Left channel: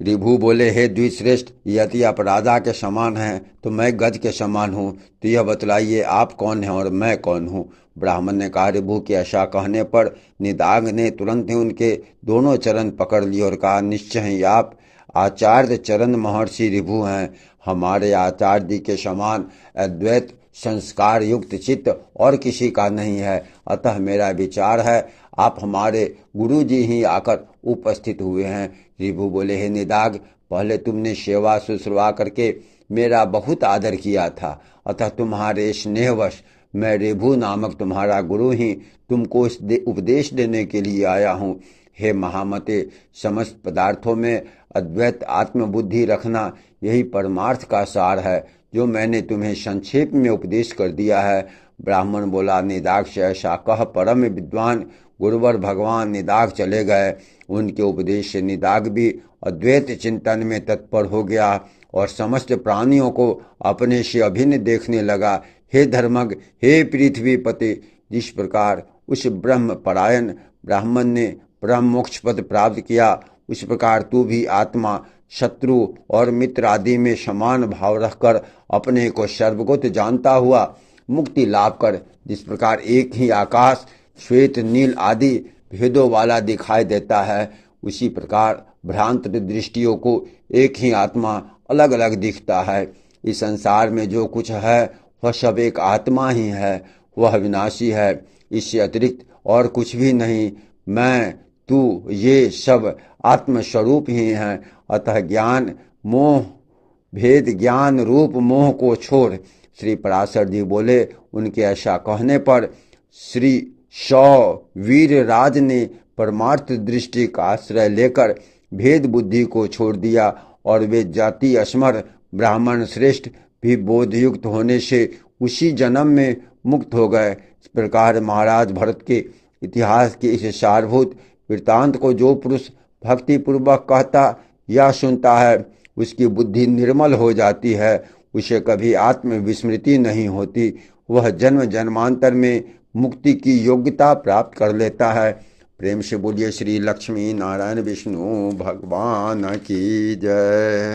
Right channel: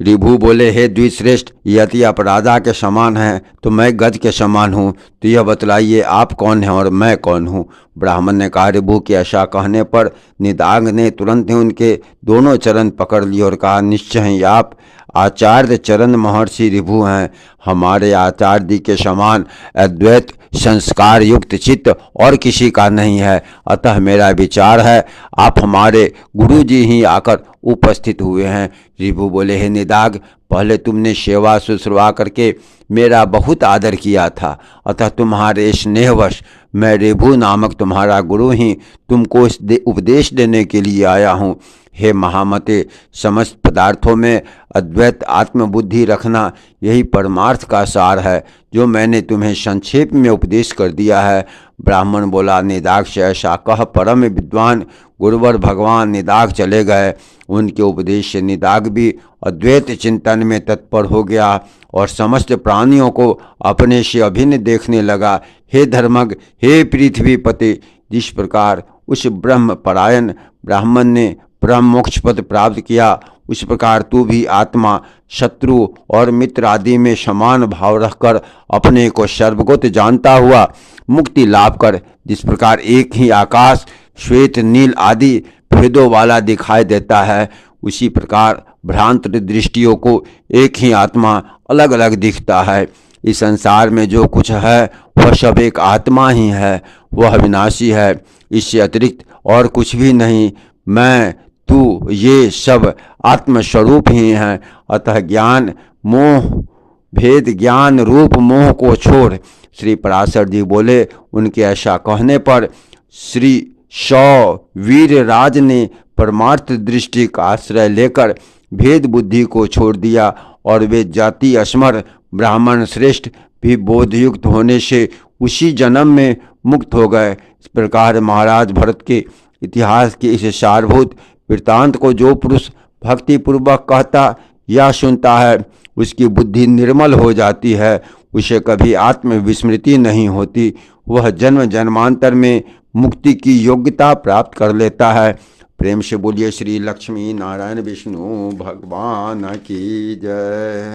ऋभु बोले, हे द्विश्रेष्ठ, यदि आप राजा के समान हैं तो मैं गज के समान हूँ, तो यह बतलाइए आप कौन हैं और मैं कौन हूँ। ब्राह्मण ने कहा, ऋभु के ऐसा कहने पर निदाघ ने तुरंत ही उनके दोनों चरण पकड़ लिए और कहा, निश्चय ही आप आचार्य चरण महर्षि ऋभु हैं। हमारे आचार्य जी के समान अद्वैत संस्कार युक्त चित्त और किसी का नहीं है। अतः मेरा विचार है आप हमारे गुरु जी ही आकर उपस्थित हुए हैं। ऋभु बोले, हे निदाघ, पहले तुमने सेवा शुश्रूषा करके मेरा बहुत आदर किया था, अतः तुम्हारे स्नेहवश मैं ऋभु नामक तुम्हारा गुरु ही तुमको उपदेश देने के लिए आया हूँ। हे महामते, समस्त पदार्थों में अद्वैत आत्मबुद्धि रखना यही परमार्थ का सार है, जो मैंने तुम्हें संक्षेप में उपदेश कर दिया है। ब्राह्मण बोला, निदाघ से ऐसा कह परम विद्वान गुरुवर भगवान निदाघ चले गए। उनके उपदेश से निदाघ भी अद्वैत चिंतन में तत्पर हो गया और समस्त प्राणियों को अपने से अभिन्न देखने लगा। हे धर्मज्ञ, हे पृथ्वीपति, जिस प्रकार उस ब्रह्म परायण ब्राह्मण ने परम मोक्ष पद प्राप्त किया, उस प्रकार तू भी आत्मा, शत्रु और मित्र आदि में समान भाव रखकर अपने को सर्वगत जानता हुआ मुक्ति लाभ कर। जिस प्रकार एक ही आकाश श्वेत नील आदि भेदों वाला दिखाई देता है, उसी प्रकार भ्रांत दृष्टियों को एक ही आत्मा अलग अलग दिखता है। इस संसार में जो कुछ है वह सब एक आत्मा ही है, वह अविनाशी है, इससे अतिरिक्त और कुछ भी नहीं। मैं, तू, ये सब आत्मस्वरूप ही हैं। अतः ज्ञान मोह भेद ज्ञान रूप मोह को छोड़। श्री पराशर जी बोले, उनके ऐसा कहने पर श्री वीर राज ने परमार्थ दृष्टि का आश्रय लेकर भेद बुद्धि को छोड़ दिया और वे जाति अस्मर ब्राह्मण श्रेष्ठ भी बोधयुक्त होने से उसी जन्म में मुक्त हो गए। इस प्रकार महाराज भरत के इतिहास के इस सारभूत वृत्तांत को जो पुरुष भक्तिपूर्वक कहता या सुनता है, उसकी बुद्धि निर्मल हो जाती है, उसे कभी आत्मविस्मृति नहीं होती, वह जन्म जन्मांतर में मुक्ति की योग्यता प्राप्त कर लेता है। प्रेम से बोलिए श्री लक्ष्मी नारायण विष्णु भगवान की जय।